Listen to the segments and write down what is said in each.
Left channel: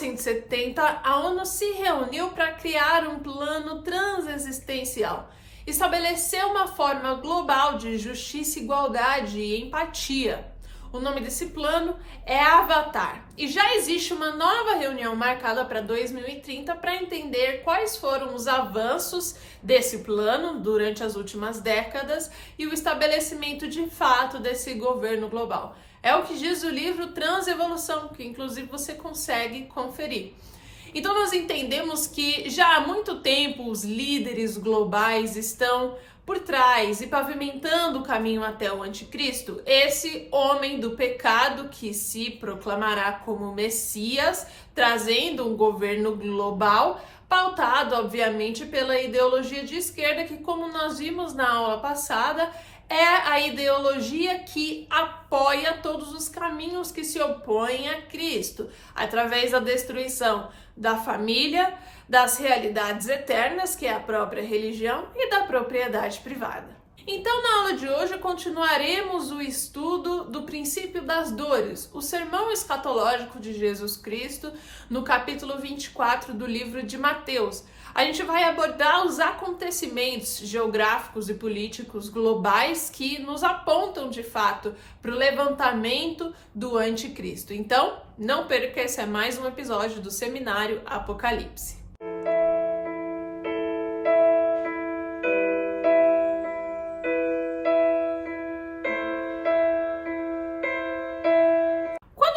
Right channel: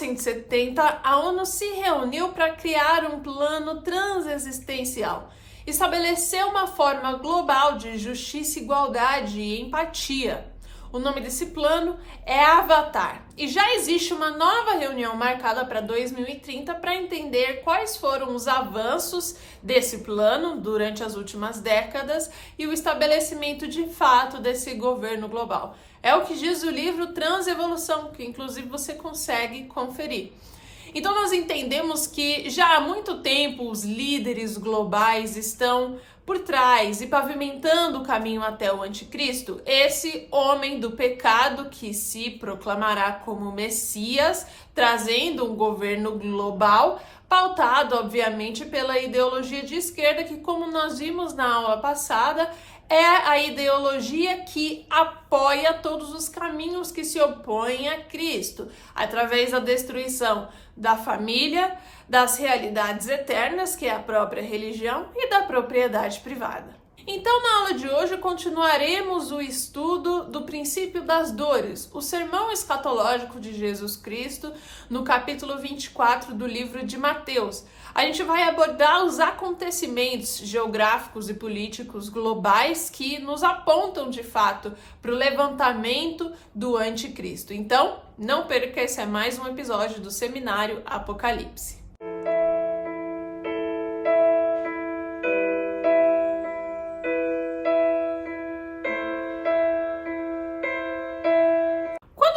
1970, a ONU se reuniu para criar um plano transexistencial. Estabeleceu uma forma global de justiça, igualdade e empatia. O nome desse plano é Avatar. E já existe uma nova reunião marcada para 2030 para entender quais foram os avanços desse plano durante as últimas décadas e o estabelecimento de fato desse governo global. É o que diz o livro Transevolução, que inclusive você consegue conferir. Então nós entendemos que já há muito tempo os líderes globais estão por trás e pavimentando o caminho até o anticristo, esse homem do pecado que se proclamará como Messias, trazendo um governo global, pautado obviamente pela ideologia de esquerda, que, como nós vimos na aula passada, é a ideologia que apoia todos os caminhos que se opõem a Cristo, através da destruição da família, das realidades eternas, que é a própria religião, e da propriedade privada. Então, na aula de hoje, continuaremos o estudo do princípio das dores, o sermão escatológico de Jesus Cristo, no capítulo 24 do livro de Mateus. A gente vai abordar os acontecimentos geográficos e políticos globais que nos apontam, de fato, para o levantamento do anticristo. Então, não perca, esse é mais um episódio do Seminário Apocalipse.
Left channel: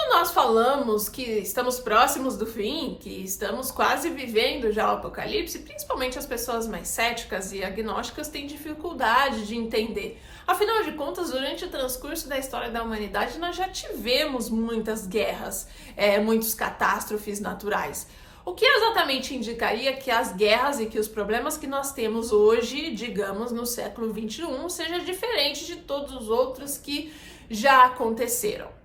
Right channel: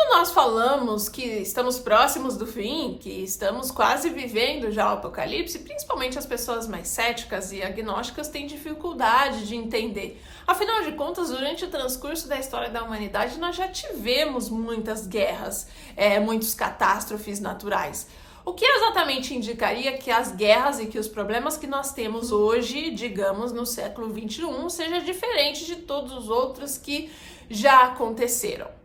Nós falamos que estamos próximos do fim, que estamos quase vivendo já o Apocalipse, principalmente as pessoas mais céticas e agnósticas têm dificuldade de entender. Afinal de contas, durante o transcurso da história da humanidade, nós já tivemos muitas guerras, muitas catástrofes naturais. O que exatamente indicaria que as guerras e que os problemas que nós temos hoje, digamos, no século XXI, seja diferente de todos os outros que já aconteceram?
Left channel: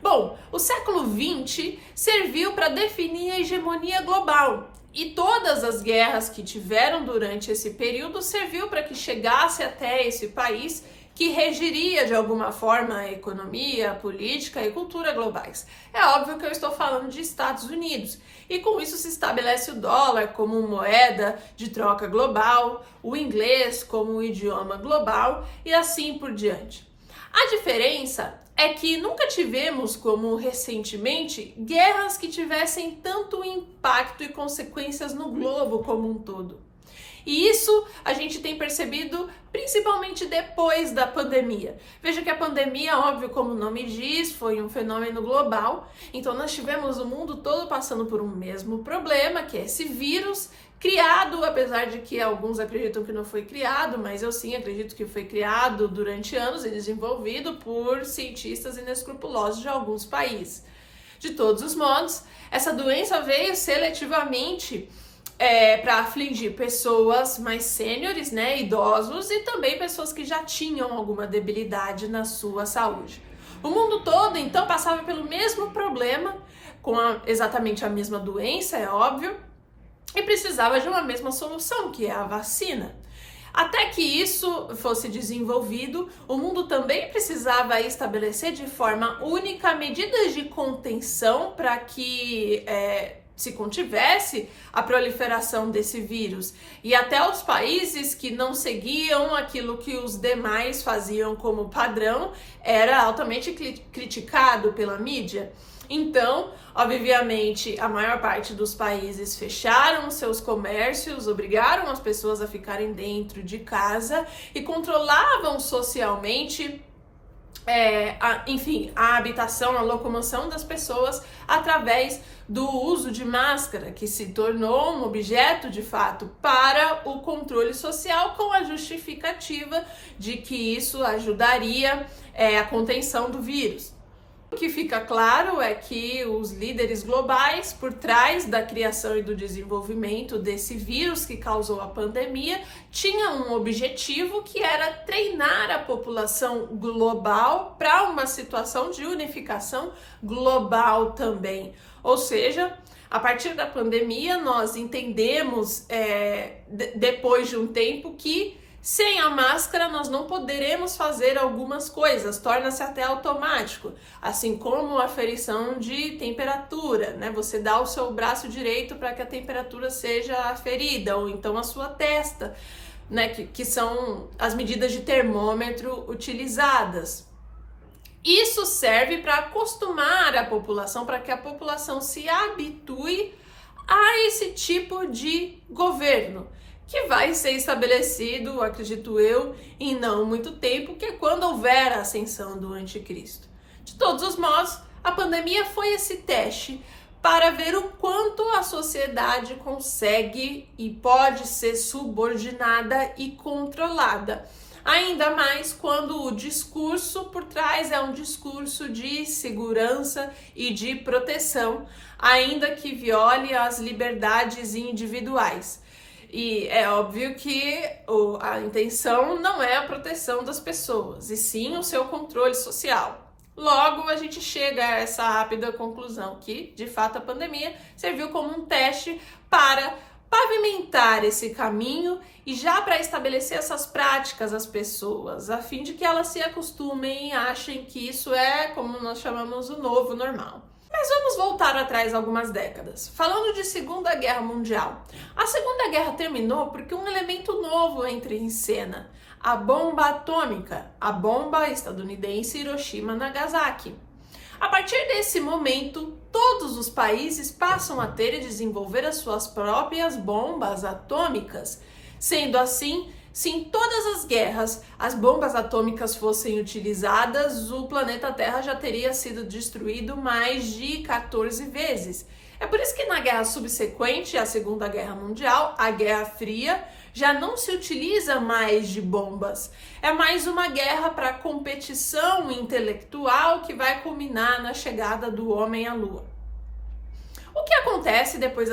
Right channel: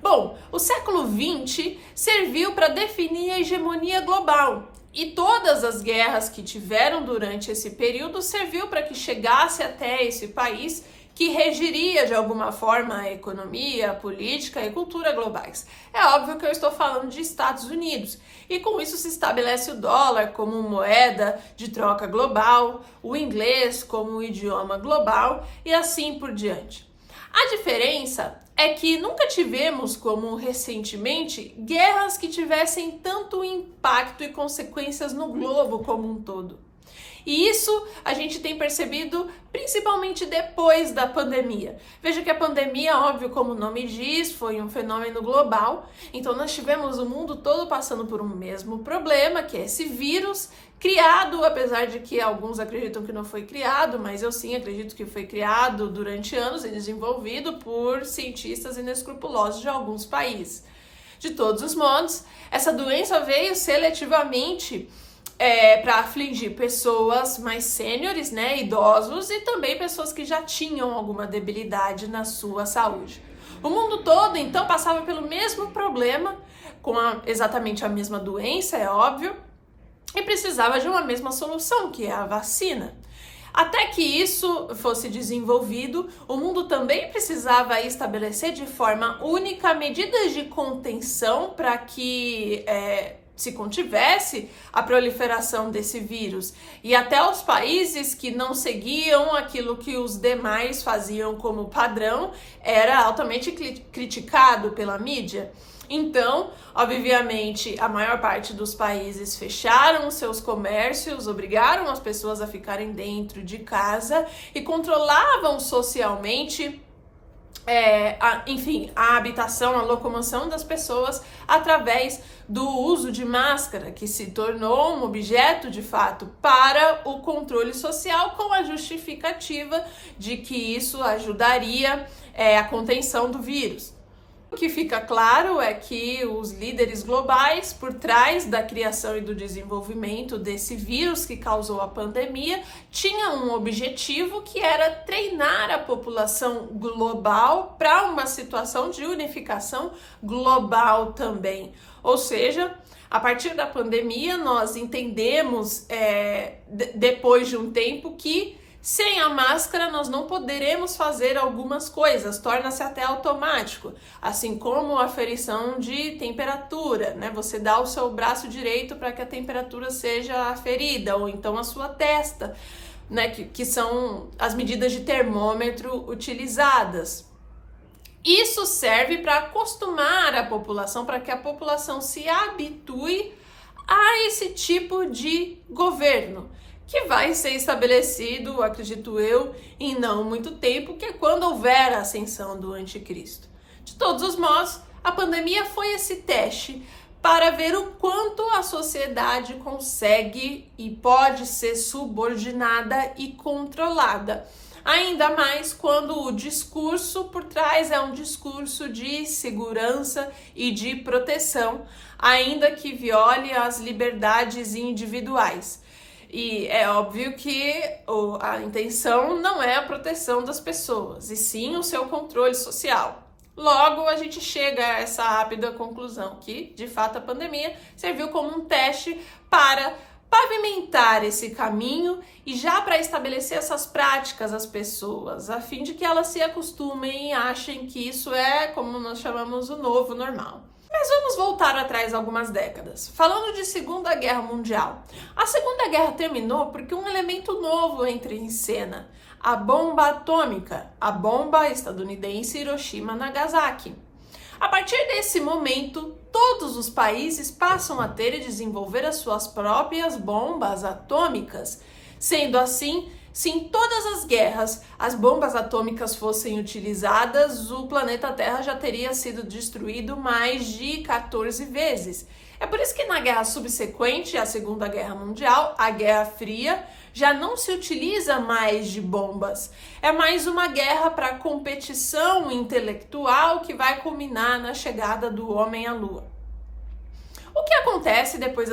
Bom, o século XX serviu para definir a hegemonia global e todas as guerras que tiveram durante esse período serviu para que chegasse até esse país que regiria de alguma forma a economia, a política e cultura globais. É óbvio que eu estou falando de Estados Unidos e com isso se estabelece o dólar como moeda de troca global, o inglês como idioma global e assim por diante. A diferença é que nunca tivemos, como recentemente, guerras que tivessem tanto impacto e consequências no globo como um todo. E isso a gente tem percebido principalmente depois da pandemia. Veja que a pandemia, óbvio, como o nome diz, foi um fenômeno global. Então nós tivemos o mundo todo passando por um mesmo problema, que é esse vírus, criado, apesar de que alguns acreditam que não foi criado, mas eu sim acredito que foi criado durante anos e desenvolvido por cientistas inescrupulosos de alguns países. De todos os modos, essa doença veio seletivamente para afligir pessoas mais sêniores, idosos e também pessoas que já tinham alguma debilidade na sua saúde. O mundo todo, então, passava pelo mesmo problema, com exatamente a mesma doença, é óbvio, e precisava de uma mesma solução, que é a vacina. Até que isso fosse desenvolvido, o mundo também precisava estabelecer de forma única medidas de contenção para que se contivesse a proliferação desse vírus. E até os países que não seguiam aquilo que os demais faziam como padrão era altamente criticado pela mídia. Então, obviamente, a maior parte dos países fecharam os seus comércios, obrigaram as pessoas a ficarem dentro de casa e controlavam socialmente, a habitação, a locomoção das pessoas através do uso de máscara, que se tornou um objeto, de fato, para o controle social, com a justificativa de que isso ajudaria a contenção do vírus. O que fica claro é que os líderes globais, por trás da criação e do desenvolvimento desse vírus que causou a pandemia, tinham um objetivo que era treinar a população global para uma situação de unificação global também. Ou seja, a partir da pandemia, nós entendemos, depois de um tempo, que Sem a máscara, nós não poderemos fazer algumas coisas, torna-se até automático, assim como a aferição de temperatura, né? Você dá o seu braço direito para que a temperatura seja aferida, ou então a sua testa, né? Que são as medidas de termômetro utilizadas. Isso serve para acostumar a população, para que a população se habitue a esse tipo de governo, que vai ser estabelecido, acredito eu, em não muito tempo, que é quando houver a ascensão do anticristo. De todos os modos, a pandemia foi esse teste para ver o quanto a sociedade consegue e pode ser subordinada e controlada. Ainda mais quando o discurso por trás é um discurso de segurança e de proteção, ainda que viole as liberdades individuais. E é óbvio que a intenção não é a proteção das pessoas, e sim o seu controle social. Logo, a gente chega a essa rápida conclusão que, de fato, a pandemia serviu como um teste para pavimentar esse caminho e já para estabelecer essas práticas às pessoas, a fim de que elas se acostumem e achem que isso é, como nós chamamos, o novo normal. Mas vamos voltar atrás algumas décadas. Falando de Segunda Guerra Mundial. A Segunda Guerra terminou porque um elemento novo entra em cena: a bomba atômica, a bomba estadunidense Hiroshima e Nagasaki. A partir desse momento, todos os países passam a ter e desenvolver as suas próprias bombas atômicas. Sendo assim, se em todas as guerras as bombas atômicas fossem utilizadas, o planeta Terra já teria sido destruído mais de 14 vezes. É por isso que na guerra subsequente à Segunda Guerra Mundial, a Guerra Fria, já não se utiliza mais de bombas. É mais uma guerra para competição intelectual que vai culminar na chegada do homem à Lua. O que acontece depois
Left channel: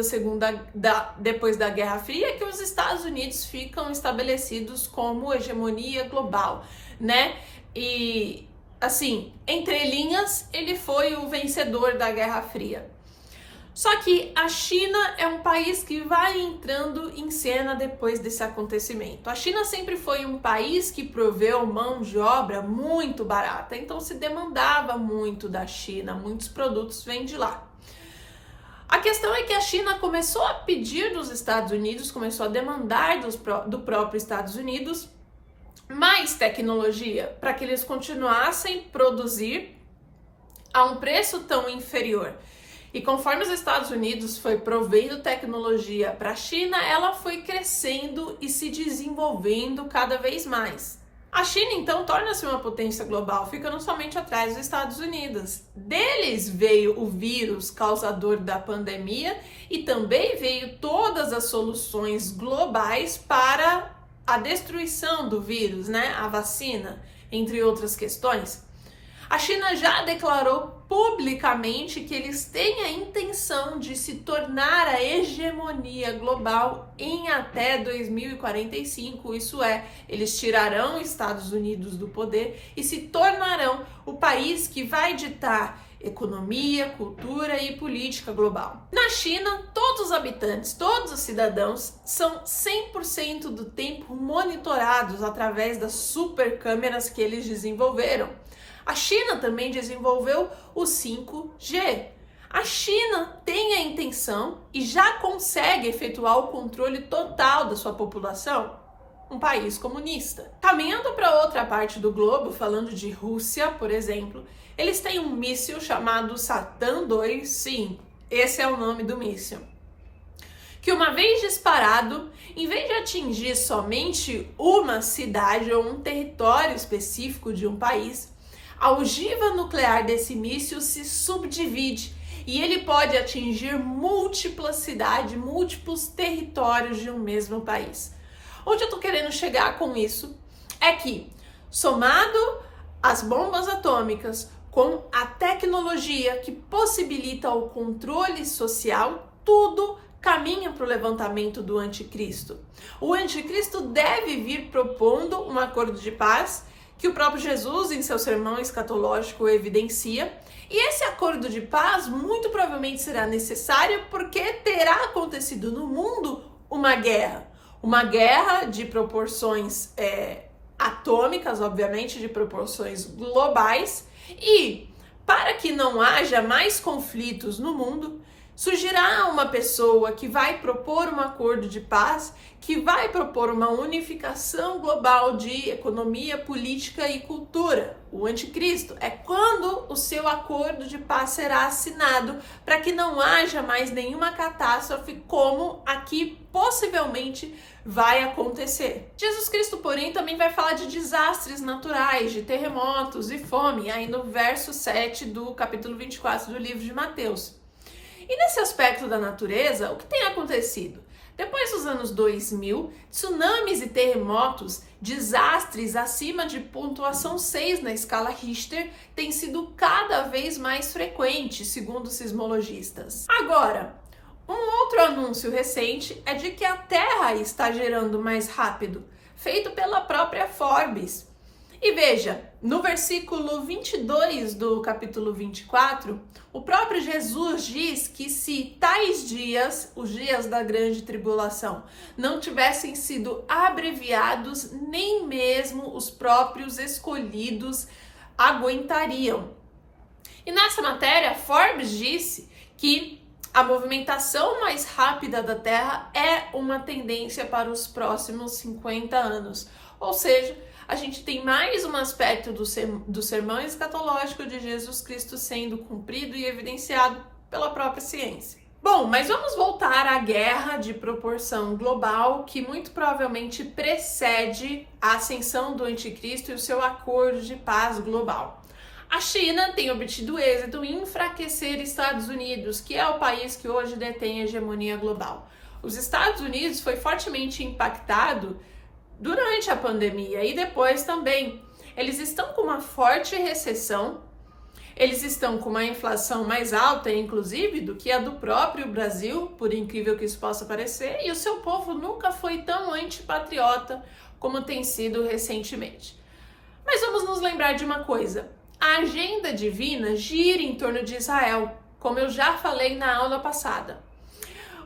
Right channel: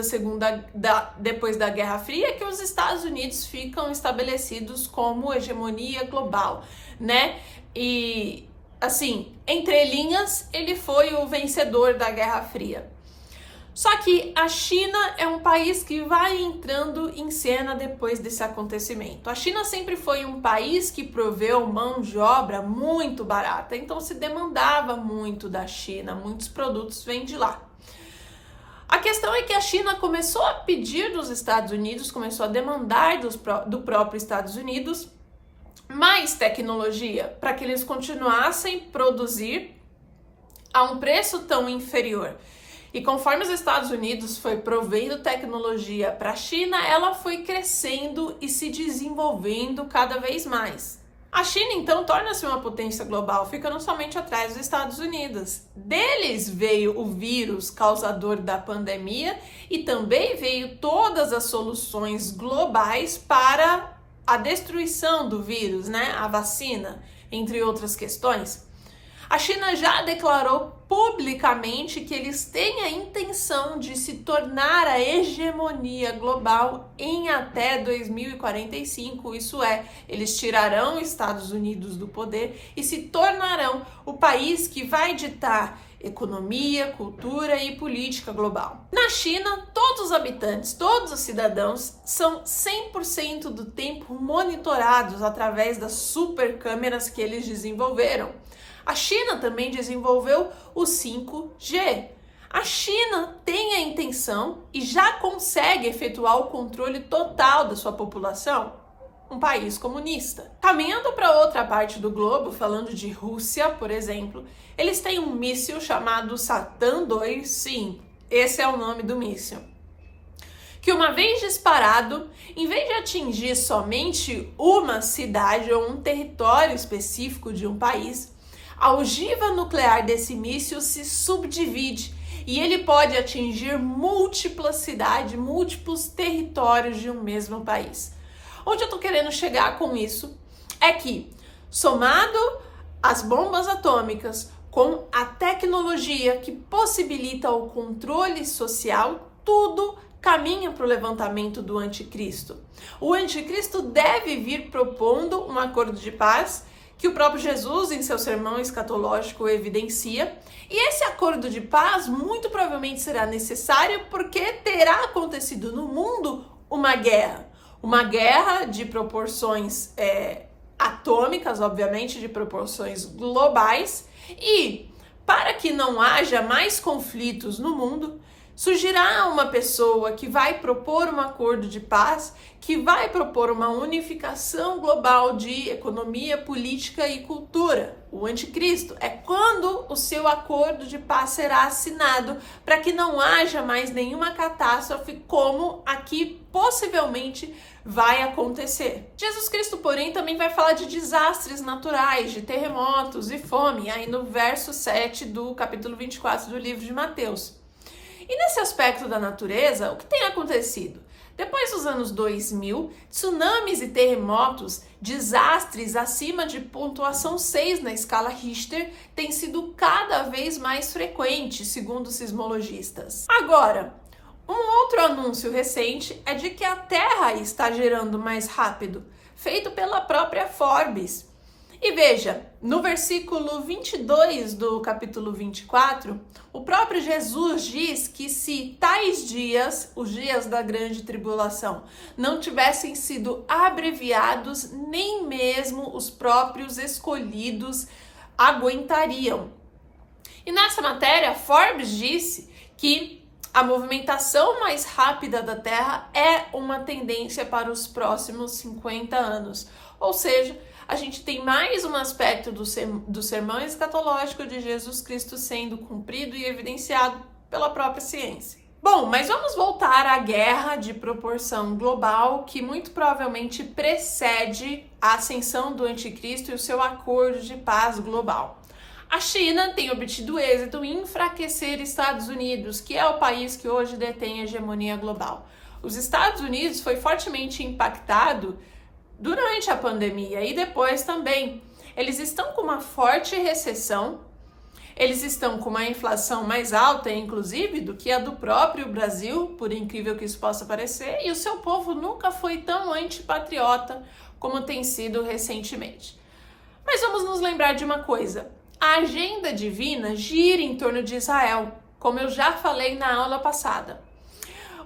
depois da Guerra Fria é que os Estados Unidos ficam estabelecidos como hegemonia global, né? E, assim, entre linhas, ele foi o vencedor da Guerra Fria. Só que a China é um país que vai entrando em cena depois desse acontecimento. A China sempre foi um país que proveu mão de obra muito barata, então se demandava muito da China, muitos produtos vêm de lá. A questão é que a China começou a pedir dos Estados Unidos, começou a demandar do próprio Estados Unidos mais tecnologia para que eles continuassem a produzir a um preço tão inferior. E conforme os Estados Unidos foi provendo tecnologia para a China, ela foi crescendo e se desenvolvendo cada vez mais. A China, então, torna-se uma potência global, ficando somente atrás dos Estados Unidos. Deles veio o vírus causador da pandemia e também veio todas as soluções globais para a destruição do vírus, né? A vacina, entre outras questões. A China já declarou publicamente que eles têm a intenção de se tornar a hegemonia global em até 2045, isso é, eles tirarão os Estados Unidos do poder e se tornarão o país que vai ditar economia, cultura e política global. Na China, todos os habitantes, todos os cidadãos são 100% do tempo monitorados através das super câmeras que eles desenvolveram. A China também desenvolveu o 5G. A China tem a intenção e já consegue efetuar o controle total da sua população, um país comunista. Caminhando para outra parte do globo, falando de Rússia, por exemplo, eles têm um míssil chamado Satan II, sim, esse é o nome do míssil, que uma vez disparado, em vez de atingir somente uma cidade ou um território específico de um país, a ogiva nuclear desse míssil se subdivide e ele pode atingir múltiplas cidades, múltiplos territórios de um mesmo país. Onde eu estou querendo chegar com isso é que, somado às bombas atômicas, com a tecnologia que possibilita o controle social, tudo caminha para o levantamento do anticristo. O anticristo deve vir propondo um acordo de paz que o próprio Jesus, em seu sermão escatológico, evidencia. E esse acordo de paz muito provavelmente será necessário porque terá acontecido no mundo uma guerra. Uma guerra de proporções atômicas, obviamente, de proporções globais, e para que não haja mais conflitos no mundo, surgirá uma pessoa que vai propor um acordo de paz, que vai propor uma unificação global de economia, política e cultura. O anticristo é quando o seu acordo de paz será assinado para que não haja mais nenhuma catástrofe como aqui possivelmente vai acontecer. Jesus Cristo, porém, também vai falar de desastres naturais, de terremotos e fome, aí no verso 7 do capítulo 24 do livro de Mateus. E nesse aspecto da natureza, o que tem acontecido? Depois dos anos 2000, tsunamis e terremotos, desastres acima de pontuação 6 na escala Richter, têm sido cada vez mais frequentes, segundo sismologistas. Agora, um outro anúncio recente é de que a Terra está girando mais rápido, feito pela própria Forbes. E veja, no versículo 22 do capítulo 24, o próprio Jesus diz que se tais dias, os dias da grande tribulação, não tivessem sido abreviados, nem mesmo os próprios escolhidos aguentariam. E nessa matéria, Forbes disse que a movimentação mais rápida da Terra é uma tendência para os próximos 50 anos. Ou seja, a gente tem mais um aspecto do sermão escatológico de Jesus Cristo sendo cumprido e evidenciado pela própria ciência. Bom, mas vamos voltar à guerra de proporção global que muito provavelmente precede a ascensão do anticristo e o seu acordo de paz global. A China tem obtido êxito em enfraquecer Estados Unidos, que é o país que hoje detém a hegemonia global. Os Estados Unidos foi fortemente impactado durante a pandemia e depois também. Eles estão com uma forte recessão, eles estão com uma inflação mais alta, inclusive, do que a do próprio Brasil, por incrível que isso possa parecer, e o seu povo nunca foi tão antipatriota como tem sido recentemente. Mas vamos nos lembrar de uma coisa: a agenda divina gira em torno de Israel, como eu já falei na aula passada.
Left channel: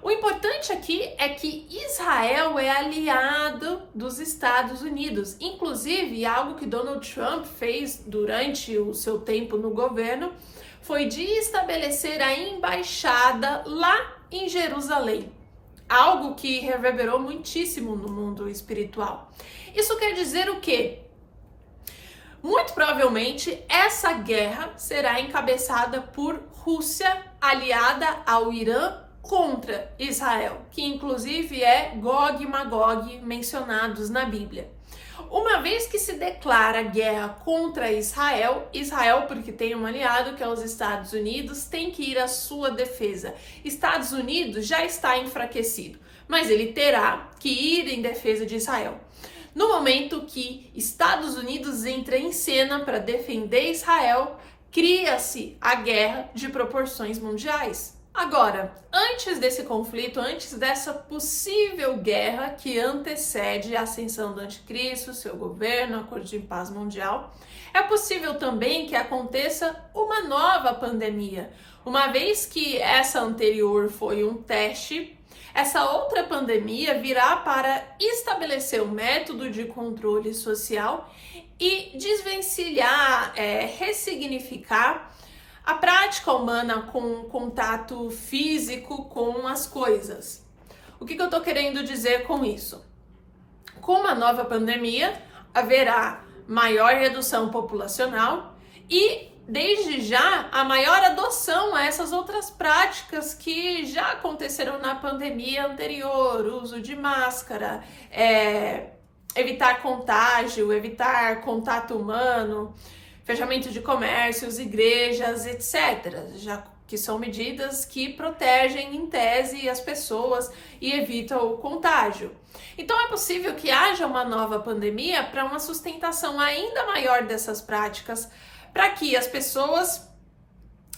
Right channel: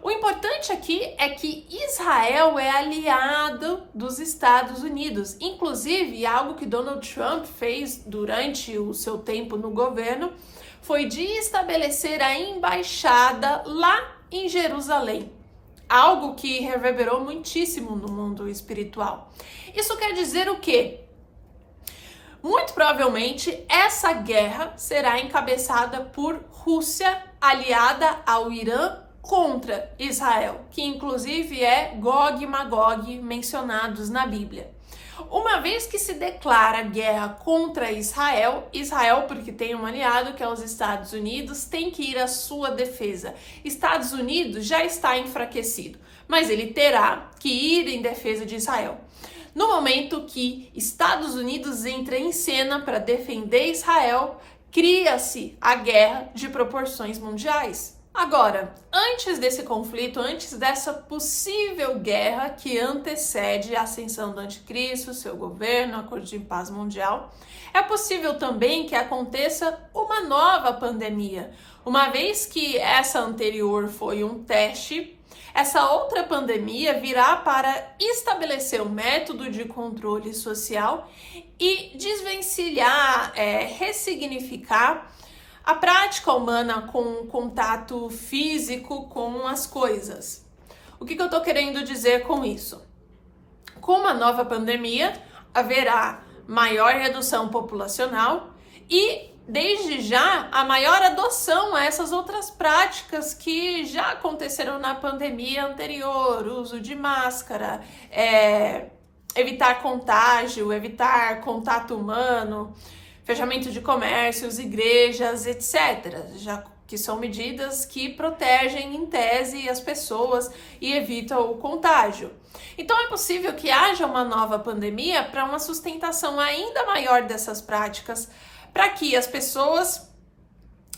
O importante aqui é que Israel é aliado dos Estados Unidos. Inclusive, algo que Donald Trump fez durante o seu tempo no governo foi de estabelecer a embaixada lá em Jerusalém. Algo que reverberou muitíssimo no mundo espiritual. Isso quer dizer o quê? Muito provavelmente, essa guerra será encabeçada por Rússia, aliada ao Irã, contra Israel, que inclusive é Gog e Magog mencionados na Bíblia. Uma vez que se declara guerra contra Israel, porque tem um aliado que é os Estados Unidos, tem que ir à sua defesa. Estados Unidos já está enfraquecido, mas ele terá que ir em defesa de Israel. No momento que Estados Unidos entra em cena para defender Israel, cria-se a guerra de proporções mundiais. Agora, antes desse conflito, antes dessa possível guerra que antecede a ascensão do anticristo, seu governo, acordo de paz mundial, é possível também que aconteça uma nova pandemia. Uma vez que essa anterior foi um teste, essa outra pandemia virá para estabelecer um método de controle social e desvencilhar, ressignificar a prática humana com contato físico com as coisas. O que eu estou querendo dizer com isso? Com uma nova pandemia, haverá maior redução populacional e, desde já, a maior adoção a essas outras práticas que já aconteceram na pandemia anterior, uso de máscara, evitar contágio, evitar contato humano, fechamento de comércios, igrejas, etc., já que são medidas que protegem, em tese, as pessoas e evitam o contágio. Então, é possível que haja uma nova pandemia para uma sustentação ainda maior dessas práticas, para que as pessoas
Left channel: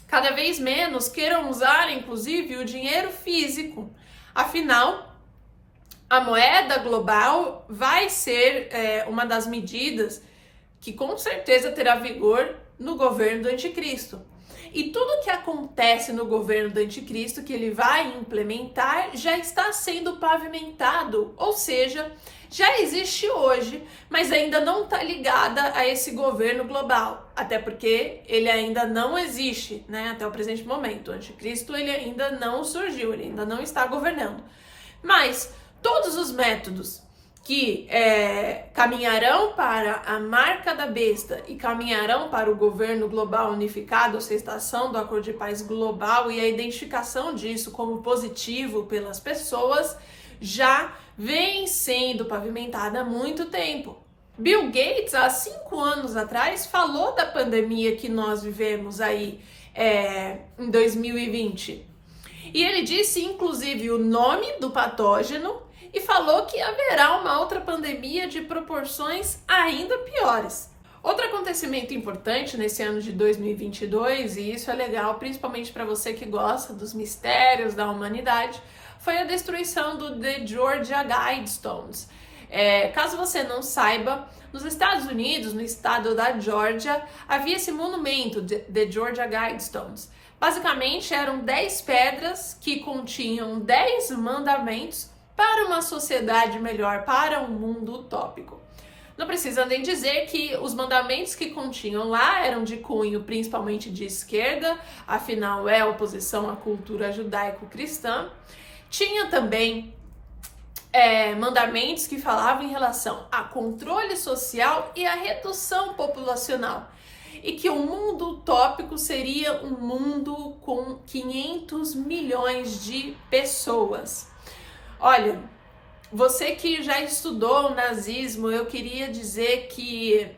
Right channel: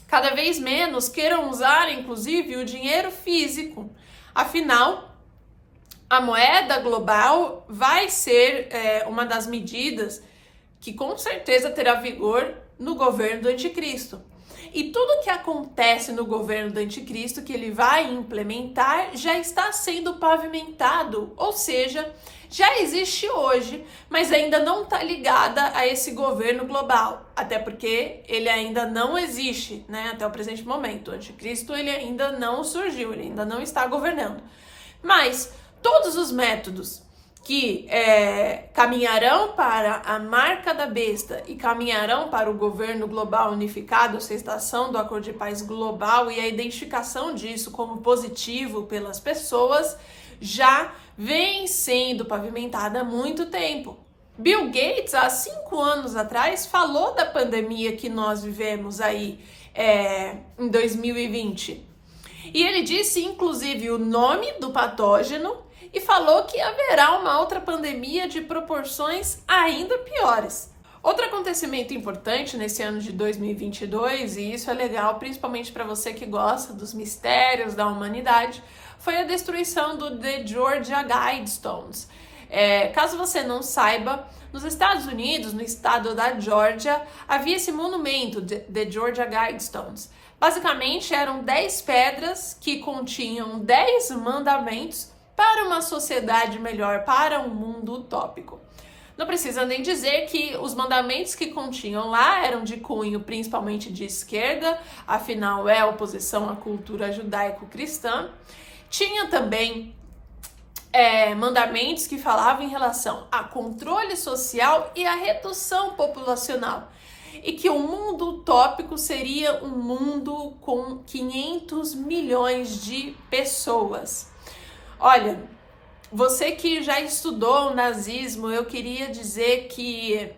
cada vez menos queiram usar, inclusive, o dinheiro físico. Afinal, a moeda global vai ser uma das medidas que com certeza terá vigor no governo do anticristo. E tudo que acontece no governo do anticristo que ele vai implementar já está sendo pavimentado, ou seja, já existe hoje, mas ainda não está ligada a esse governo global, até porque ele ainda não existe, né, até o presente momento. O anticristo ele ainda não surgiu, ele ainda não está governando. Mas todos os métodos que caminharão para a marca da besta e caminharão para o governo global unificado, a aceitação do acordo de paz global e a identificação disso como positivo pelas pessoas, já vem sendo pavimentada há muito tempo. Bill Gates, há 5 anos atrás, falou da pandemia que nós vivemos aí em 2020. E ele disse, inclusive, o nome do patógeno e falou que haverá uma outra pandemia de proporções ainda piores. Outro acontecimento importante nesse ano de 2022, e isso é legal principalmente para você que gosta dos mistérios da humanidade, foi a destruição do The Georgia Guidestones. Caso você não saiba, nos Estados Unidos, no estado da Georgia, havia esse monumento, The Georgia Guidestones. Basicamente, eram 10 pedras que continham 10 mandamentos para uma sociedade melhor, para um mundo utópico. Não precisa nem dizer que os mandamentos que continham lá eram de cunho principalmente de esquerda, afinal é oposição à cultura judaico-cristã. Tinha também mandamentos que falavam em relação a controle social e a redução populacional. E que o mundo utópico seria um mundo com 500 milhões de pessoas. Olha, você que já estudou o nazismo, eu queria dizer que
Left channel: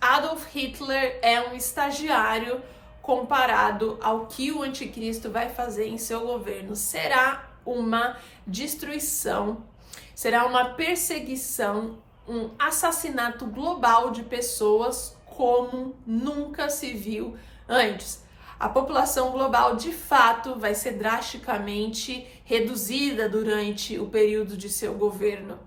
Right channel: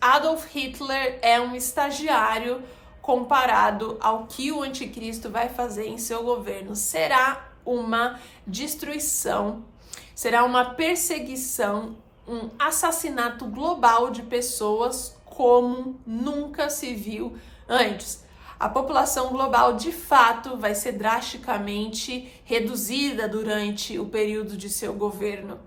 Adolf Hitler é um estagiário comparado ao que o anticristo vai fazer em seu governo. Será uma destruição, será uma perseguição, um assassinato global de pessoas como nunca se viu antes. A população global, de fato, vai ser drasticamente reduzida durante o período de seu governo.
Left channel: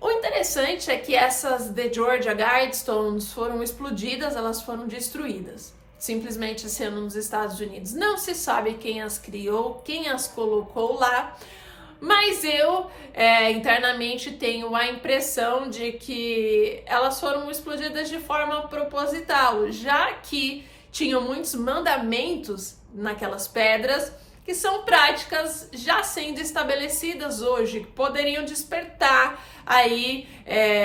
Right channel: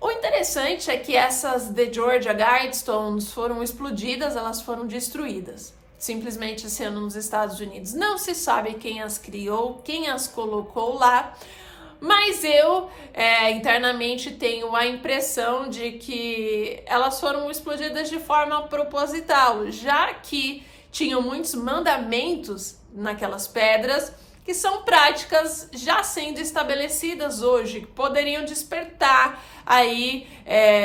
O interessante é que essas The Georgia Guidestones foram explodidas, elas foram destruídas. Simplesmente sendo nos Estados Unidos. Não se sabe quem as criou, quem as colocou lá, mas eu internamente tenho a impressão de que elas foram explodidas de forma proposital, já que tinham muitos mandamentos naquelas pedras que são práticas já sendo estabelecidas hoje, que poderiam despertar aí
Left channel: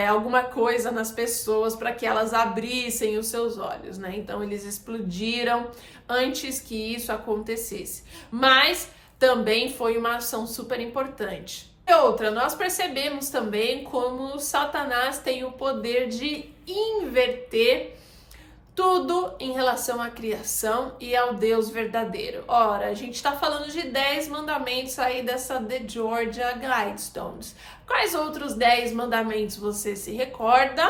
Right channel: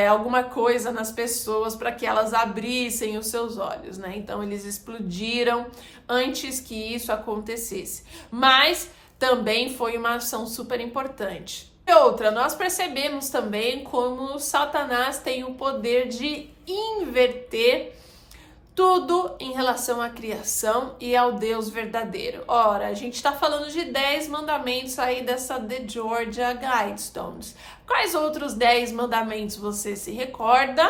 alguma coisa nas pessoas para que elas abrissem os seus olhos, né? Então eles explodiram antes que isso acontecesse. Mas também foi uma ação super importante. E outra, nós percebemos também como Satanás tem o poder de inverter tudo em relação à criação e ao Deus verdadeiro. Ora, a gente está falando de 10 mandamentos aí dessa The Georgia Guidestones. Quais outros 10 mandamentos você se recorda?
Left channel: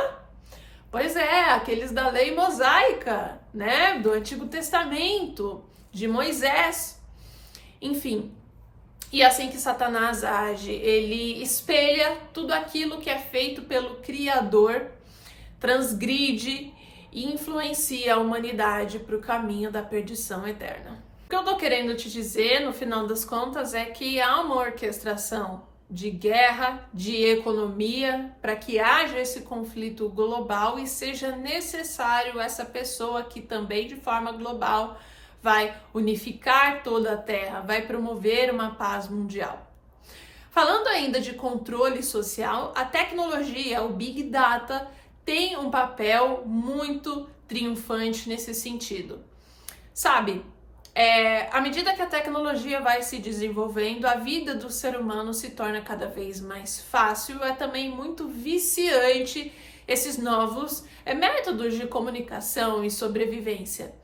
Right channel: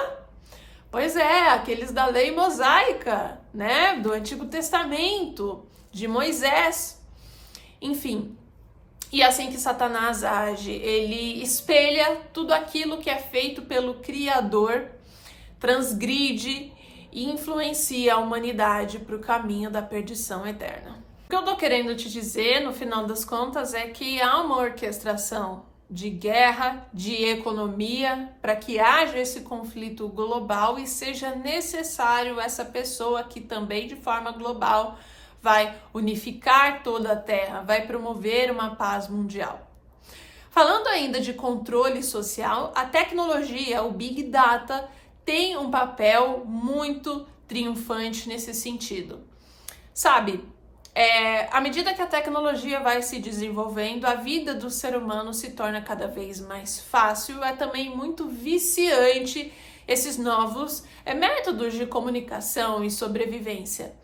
Pois é, aqueles da lei mosaica, né? Do Antigo Testamento, de Moisés. Enfim, e assim que Satanás age, ele espelha tudo aquilo que é feito pelo Criador, transgride e influencia a humanidade para o caminho da perdição eterna. O que eu tô querendo te dizer, no final das contas, é que há uma orquestração de guerra, de economia, para que haja esse conflito global e seja necessário essa pessoa que também, de forma global, vai unificar toda a Terra, vai promover uma paz mundial. Falando ainda de controle social, a tecnologia, o Big Data, tem um papel muito triunfante nesse sentido. Sabe, à medida que a tecnologia vai se desenvolvendo, a vida do ser humano se torna cada vez mais fácil, é também muito viciante esses novos métodos de comunicação e sobrevivência.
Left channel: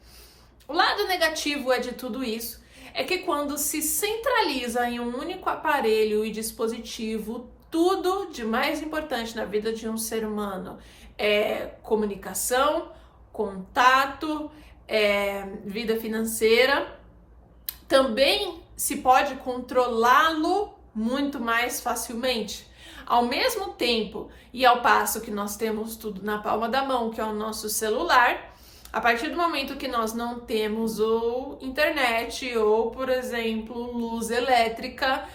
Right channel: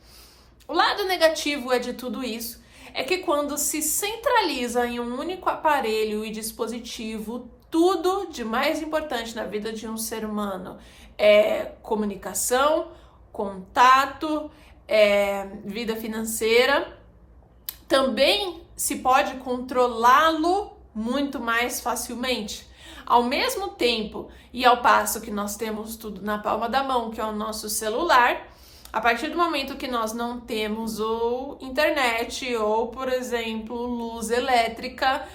O lado negativo de tudo isso é que quando se centraliza em um único aparelho e dispositivo, tudo de mais importante na vida de um ser humano comunicação, contato, vida financeira, também se pode controlá-lo muito mais facilmente. Ao mesmo tempo e ao passo que nós temos tudo na palma da mão, que é o nosso celular, A partir do momento que nós não temos ou internet ou, por exemplo, luz elétrica,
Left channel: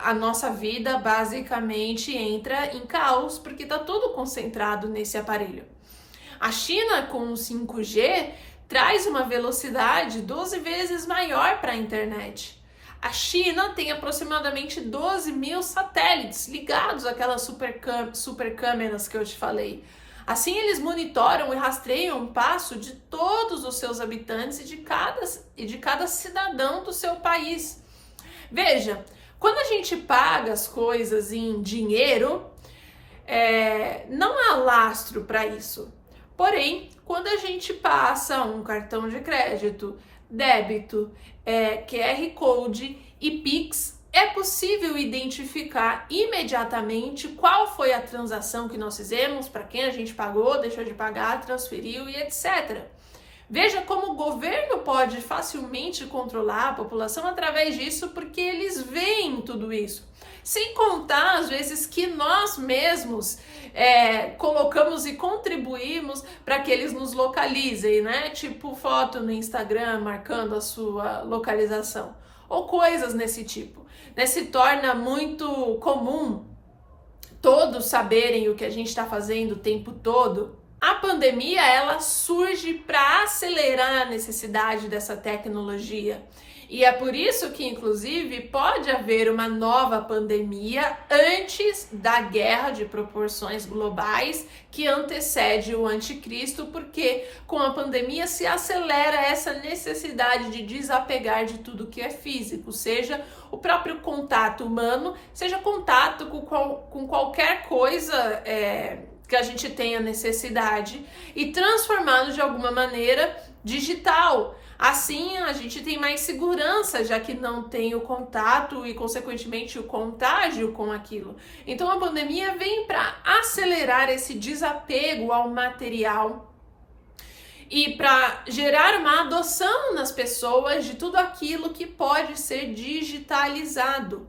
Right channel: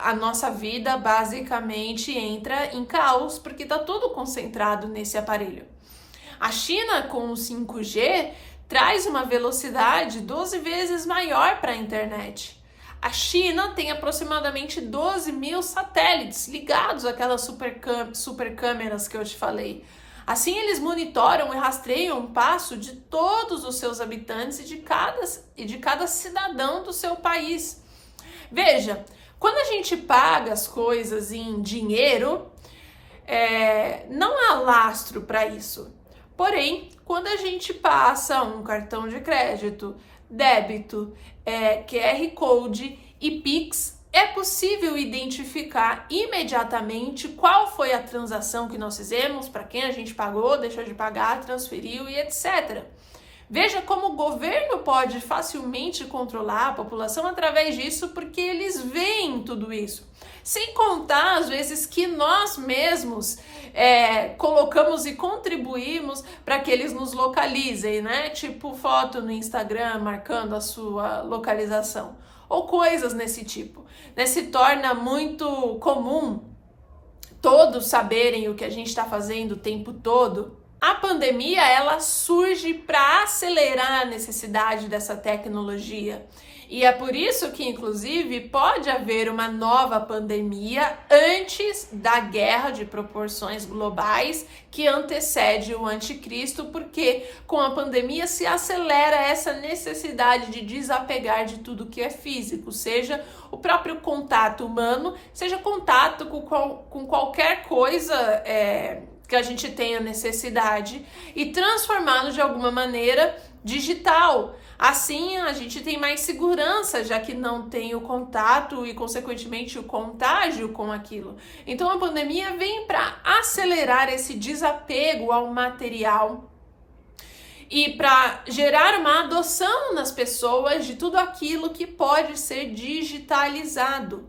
a nossa vida basicamente entra em caos, porque está tudo concentrado nesse aparelho. A China, com o 5G, traz uma velocidade 12 vezes maior para a internet. A China tem aproximadamente 12 mil satélites ligados àquelas super câmeras que eu te falei. Assim, eles monitoram e rastreiam o passo de todos os seus habitantes e de cada cidadão do seu país. Veja, quando a gente paga as coisas em dinheiro, não há lastro para isso. Porém, quando a gente passa um cartão de crédito, débito, QR Code e Pix, é possível identificar imediatamente qual foi a transação que nós fizemos, para quem a gente pagou, deixou de pagar, transferiu e etc. Veja como o governo pode facilmente controlar a população através disso, porque eles veem tudo isso. Sem contar, às vezes, que nós mesmos colocamos e contribuímos para que eles nos localizem, né? Tipo foto no Instagram marcando a sua localização. Ou coisas nesse tipo. Se torna muito comum todos saberem o que a gente está fazendo o tempo todo. A pandemia, ela surge para acelerar a necessidade dessa tecnologia. E é por isso que, inclusive, pode haver uma nova pandemia antes da guerra de proporções globais que antecede o anticristo, porque com a pandemia se acelera essa necessidade de desapegar de tudo que é físico, seja o próprio contato humano, seja contato com qualquer coisa que a gente tenha necessidade e transformá-lo de alguma maneira digital. Assim, a gente tem mais segurança, já que não tem o contato e, consequentemente, o contágio com aquilo. Então, a pandemia vem para acelerar esse desapego ao material e para gerar uma adoção nas pessoas de tudo aquilo que pode ser digitalizado.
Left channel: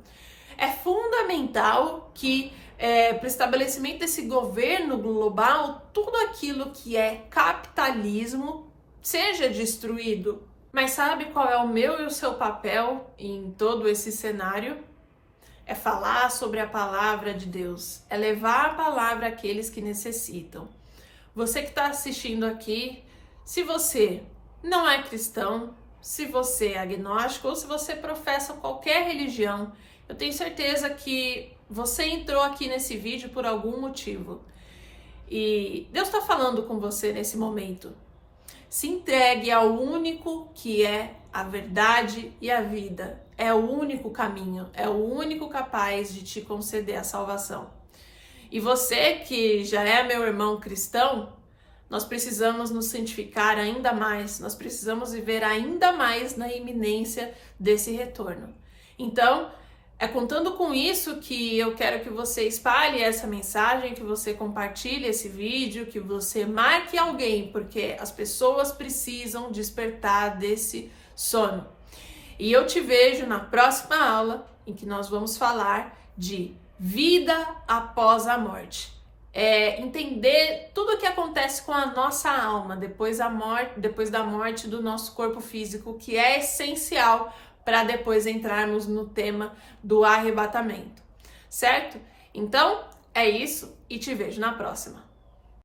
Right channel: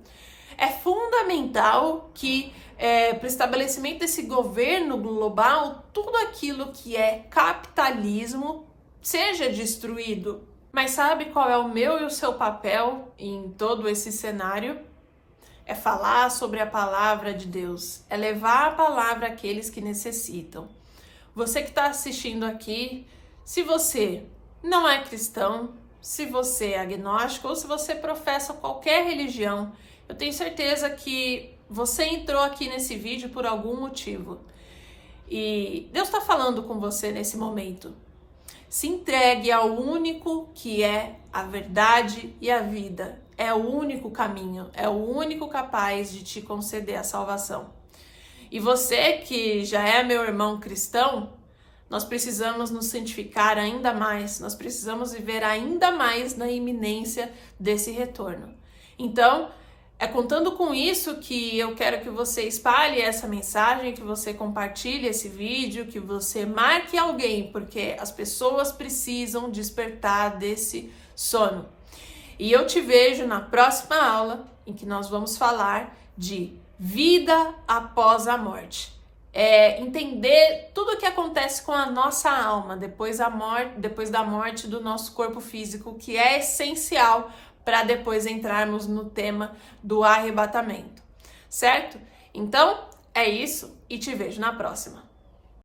É fundamental que, para o estabelecimento desse governo global, tudo aquilo que é capitalismo seja destruído. Mas sabe qual é o meu e o seu papel em todo esse cenário? É falar sobre a palavra de Deus, é levar a palavra àqueles que necessitam. Você que está assistindo aqui, se você não é cristão, se você é agnóstico ou se você professa qualquer religião, eu tenho certeza que você entrou aqui nesse vídeo por algum motivo. E Deus está falando com você nesse momento. Se entregue ao único que é a verdade e a vida. É o único caminho, é o único capaz de te conceder a salvação. E você que já é meu irmão cristão, nós precisamos nos santificar ainda mais, nós precisamos viver ainda mais na iminência desse retorno. Então, é contando com isso que eu quero que você espalhe essa mensagem, que você compartilhe esse vídeo, que você marque alguém, porque as pessoas precisam despertar desse sono. E eu te vejo na próxima aula, em que nós vamos falar de vida após a morte. Entender tudo o que acontece com a nossa alma depois da morte do nosso corpo físico, que é essencial para depois entrarmos no tema do arrebatamento, certo? Então, é isso e te vejo na próxima.